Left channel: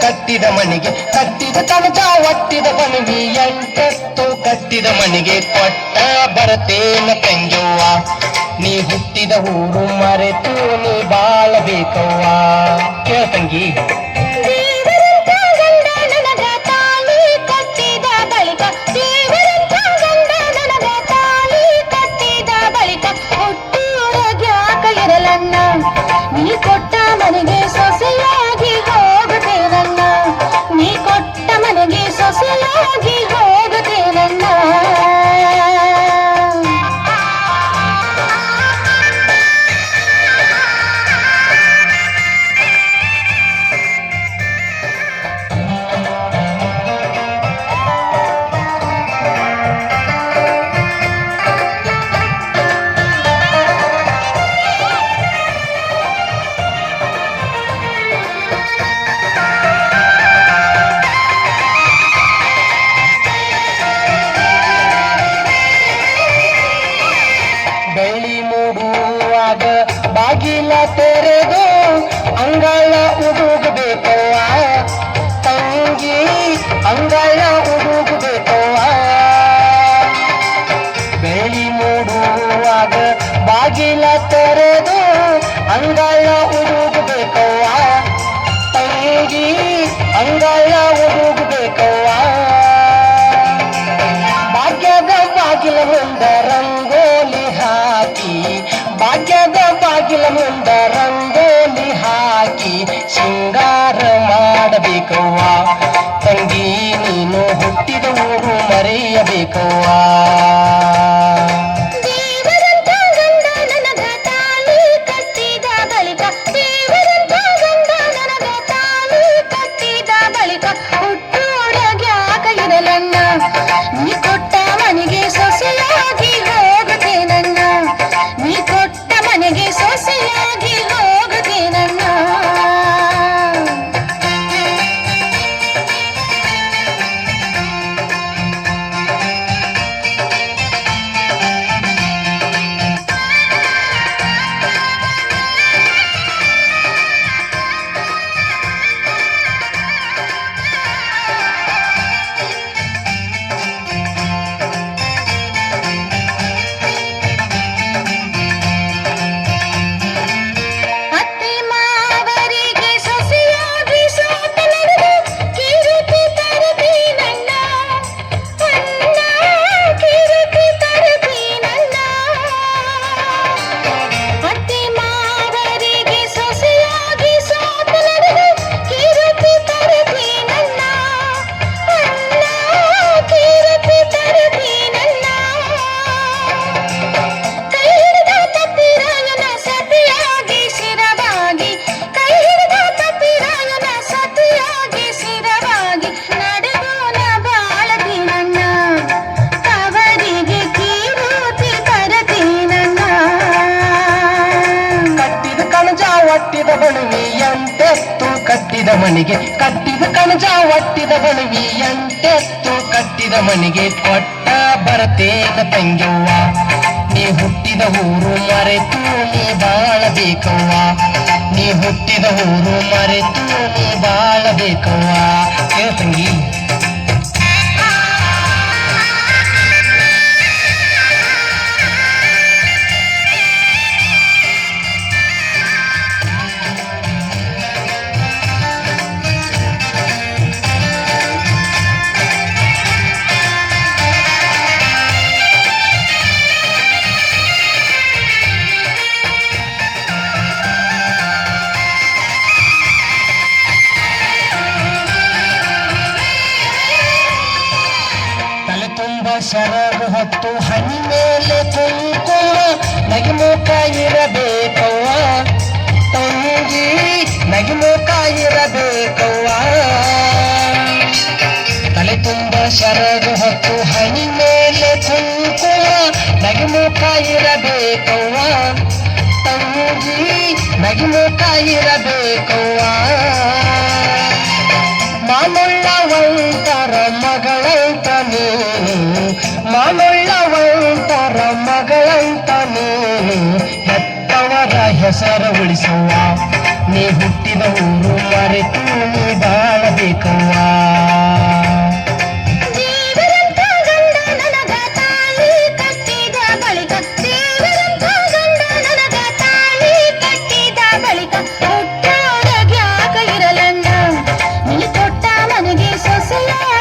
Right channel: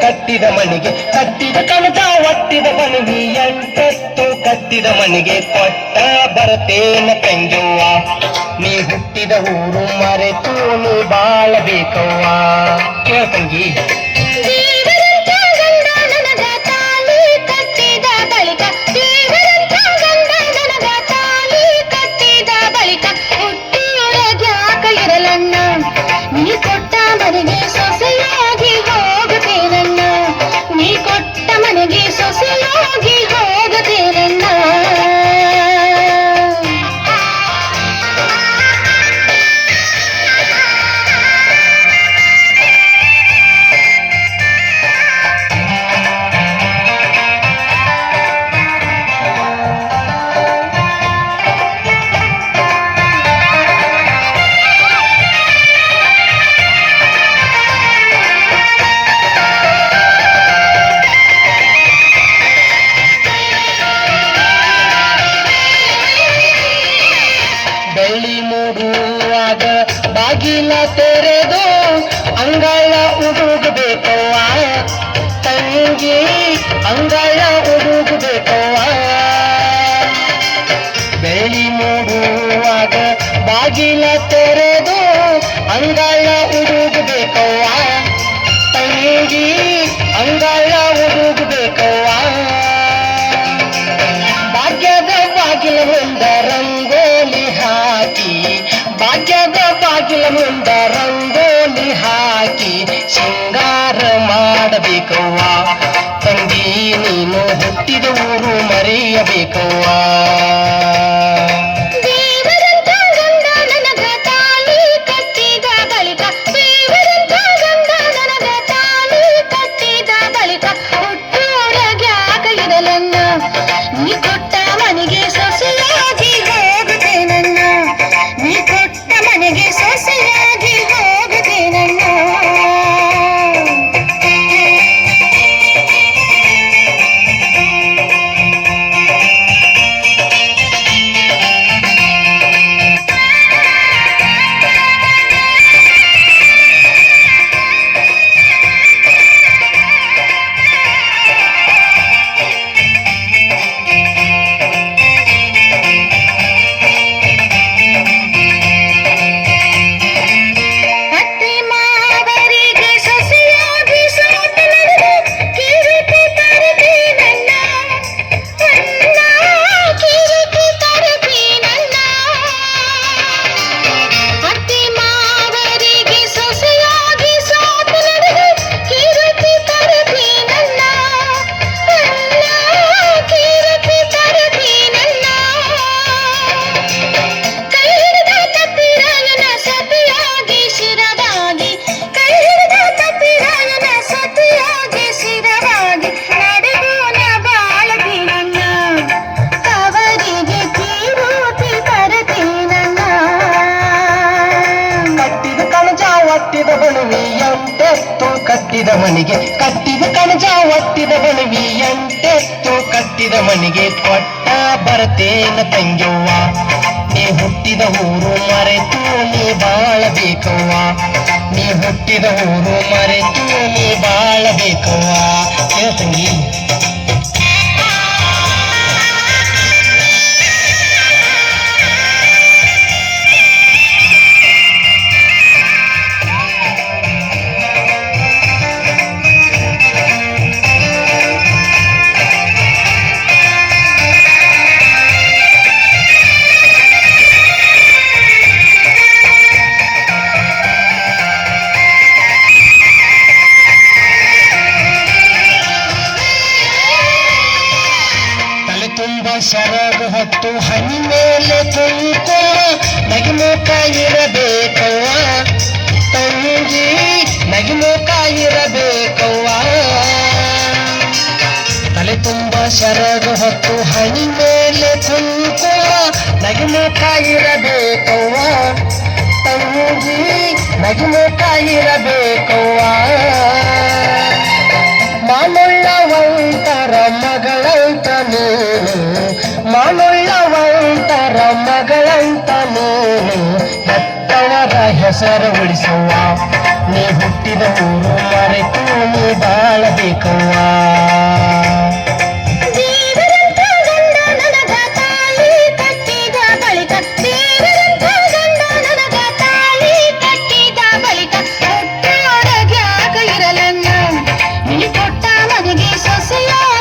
ಕಟ್ಟಿದ ಮನೆಗೆ ಕಟ್ಟಿದ ಕಣಜ ಒಟ್ಟಿದ ಬಣವಿ ಎಂಟೆತ್ತು ಕಟ್ಟಿದ ಮನೆಗೆ ಕೊಟ್ಟ ಬರತೇನ ತಂಗ್ಯವ್ವ ನೀ ಹುಟ್ಟಿದ ಊರು ಮರೆತು ನೀ ಬಾಳಬೇಕವ್ವ ಕೇಳ ತಂಗಿ ನೀ ಕೊಟ್ಟ ಮನೆಗೆ ಸೊಸೆಯಾಗಿ ಹೋಗುತ್ತೇರಣ್ಣ ನೀ ಕೊಟ್ಟ ಮನೆಗೆ ಸೊಸೆಯಾಗಿ ಹೋಗುತ್ತೇರಣ್ಣ ಬೆಳ್ಳಿ ಮೂಡುವಾಗ ಬಾಗಿಲ ತೆರೆದು ಅಂಗಳ ಉಡುಗಬೇಕವ್ವ ತಂಗಿ ಅಂಗಳ ಉಡುಗಬೇಕವ್ವ ಬೆಳ್ಳಿ ಮೂಡುವಾಗ ಬಾಗಿಲ ತೆರೆದು ಅಂಗಳ ಉಡುಗಬೇಕವ್ವ ತಂಗಿ ಅಂಗಳ ಉಡುಗಬೇಕವ್ವ ಭಾಗ್ಯದ ಬಾಗಿಲ ಮುಂದ ರಂಗೋಲಿ ಭಾಗ್ಯದ ಬಾಗಿಲ ಮುಂದ ರಂಗೋಲಿ ಹಾಕಿ ಶೃಂಗಾರ ಮಾಡಬೇಕವ್ವ ತಂಗಿ ನೀನು ಹುಟ್ಟಿದ ಊರು ಮರೆಯಬೇಕವ್ವ ನೀ ಕೊಟ್ಟ ಮನೆಗೆ ಸೊಸೆಯಾಗಿ ಹೋಗುತ್ತೇನಣ್ಣ ನೀ ಕೊಟ್ಟ ಮನೆಗೆ ಸೊಸೆಯಾಗಿ ಹೋಗುತ್ತೇನಣ್ಣ ಕಟ್ಟಿದ ಬಣವಿ ಎಂಟೆತ್ತು ಕಟ್ಟಿದ ಮನೆಗೆ ಕಟ್ಟಿದ ಕಣಜ ಒಟ್ಟಿದ ಬಣವಿ ಎಂಟೆತ್ತು ಕಟ್ಟಿದ ಮನೆಗೆ ಕೊಟ್ಟ ಬರತೇನ ತಂಗ್ಯವ್ವ ನೀ ಹುಟ್ಟಿದ ಊರು ಮರೆತು ನೀ ಬಾಳಬೇಕವ್ವ ನೀ ಹುಟ್ಟಿದ ಊರು ಮರೆತು ನೀ ಬಾಳಬೇಕವ್ವ ಕೇಳ ತಂಗಿ ಸೆರಗು ಹೊತ್ತು ಹನಿ ಮೇಲೆ ಕುಂಕುಮ ನಗಿಮುಖ ಇರಬೇಕವ್ವ ತಂಗಿ ನಗಿಮುಖ ಇರಬೇಕವ್ವ ತಲೆ ತುಂಬ ಸೆರಗು ಹೊತ್ತು ಹನಿ ಮೇಲೆ ಕುಂಕುಮ ನಗಿಮುಖ ಇರಬೇಕವ್ವ ತಂಗಿ ನಗಿಮುಖ ಇರಬೇಕವ್ವ ಮಾನುಳ್ಳವಂತರ ಮಗಳಂತ ನೀನು ಮಾನುಳ್ಳವಂತರ ಮಗಳಂತ ನೀನು ಹೆತ್ತವರ ಹೆಸರು ಉಳಿಸುವ ನೀ ಹುಟ್ಟಿದ ಊರು ಮರೆತು ನೀ ಬಾಳಬೇಕವ್ವ ದೇವರಂತ ಗಂಡ ನನಗ ತಾಳಿ ಕಟ್ಟಿದ ಬಳಿಕ ದೇವರಂತ ಗಂಡ ನನಗ ತಾಳಿ ಕಟ್ಟಿದ ಬಳಿಕ ಹುಟ್ಟಾಡಗ್ಯಾಕ ಇರಲಣ್ಣ ನೀ ಕೊಟ್ಟ ಮನೆಗೆ ಸೊಸೆಯಾಗಿ